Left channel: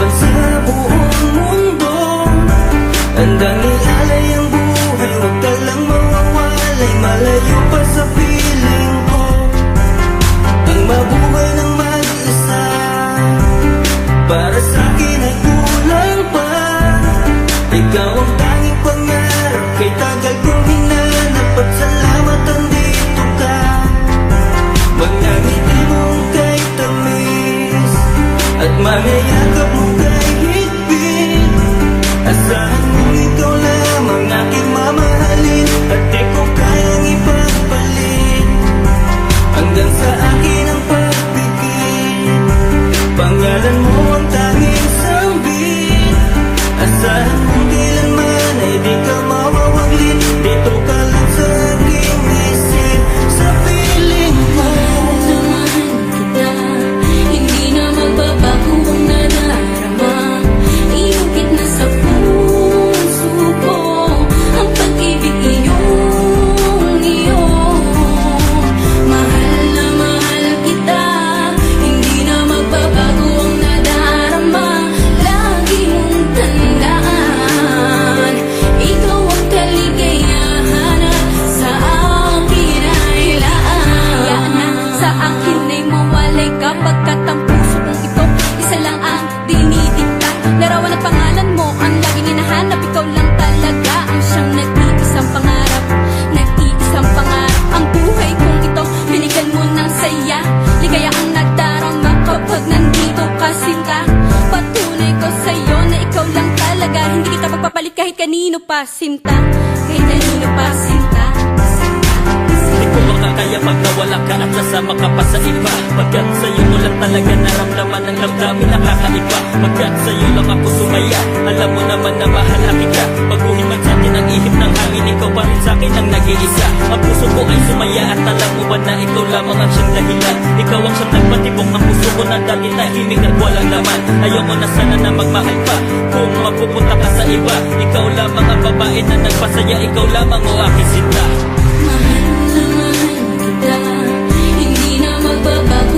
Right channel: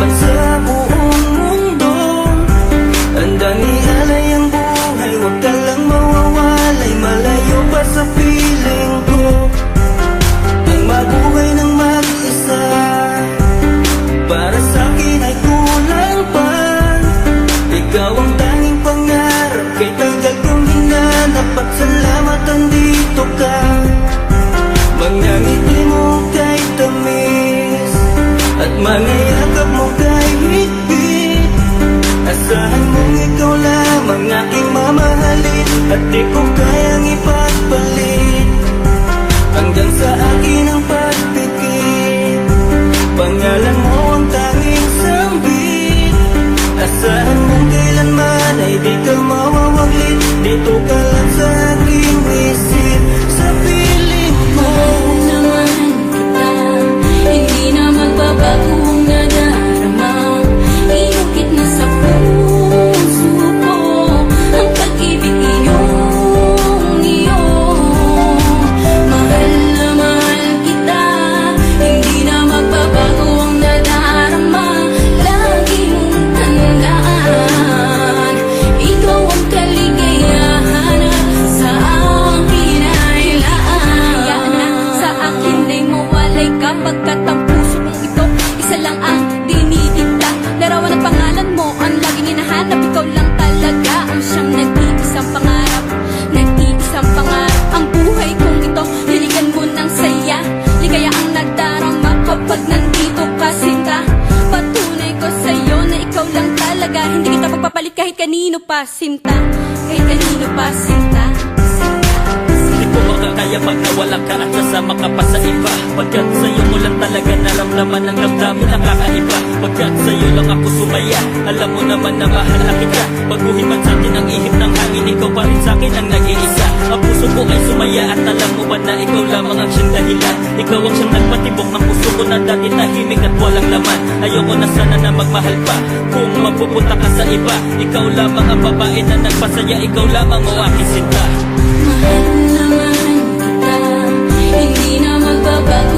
laban sa buong mundo. Handang ialay ang buhay, huwag ka lang mawawalay, malayo pa sa piling ko. Ang mabuhay ng mag-isa, para sa'kin ay kulang pa. Ikaw ang tanging pangarap, kay tagal kong hinanap, at salamat andito ka. Mga ngiti mo kay tamis, at mga yakap mo kay higpit. Asahan mong ikaw lamang aking mamahalin, at di ko kayang ipagpalit. Hanggang sa akin ang pagpikit, pangalan mo ang tanging sambit. Asahan mong kailanman ay di ka mawawaglit, dito ka lang sa aking isip, sa piling mo. Mahal kita, hindi na magbabago ang nadarama. Inukit na sa puso ko ang pag-ibig iyong iyo. Mahal na mahal kita, hindi na magbabago ang nadarama. Lagi mong tandaan, ikaw ang kaligayahan sa akin ay laan. Sa akin ay mawalay kapagkat ang puso kong ito isa lang ang dinidikta. Larawan at pangalan mo ang laging hinahanap. Ikaw lang talaga ang siyang nag-iisang pangarap. Nag-iisang pangarap ang buhay kong ito, binigyan mo ng saya. Ligaya ang nadarama kapag nandito ka, sinta. Patunay ko sa'yo na ikaw lang talaga, hindi kita pagpapalit kahit kanino pa, sinta. Kahit kanino pa, sinta. Di ko makakaya pag nawala ka at sasama ka pa sa iba. Pagkat sa'yo mo lang talaga naramdaman ang damdamin nakakaiba. Pagkat sa'yo lang ako sumaya, alam mo naman na mahal na kita. Baguhin man sa'tin ang ihip ng hangin, ikaw pa rin sa'kin ang nag-iisa. Ang puso ko ay sumaya at alam mo ba na ikaw lamang ang siyang dahilan. Ikaw ang siyang nagpatibok ng puso ko na dati tahimik at walang laman. Ayoko na sana na magmahal pa kung mapupunta ka sa iba. Ikaw lamang ang babae na nagpasaya, ikaw lamang o aking sinta. Mahal na mahal kita, hindi na magbabago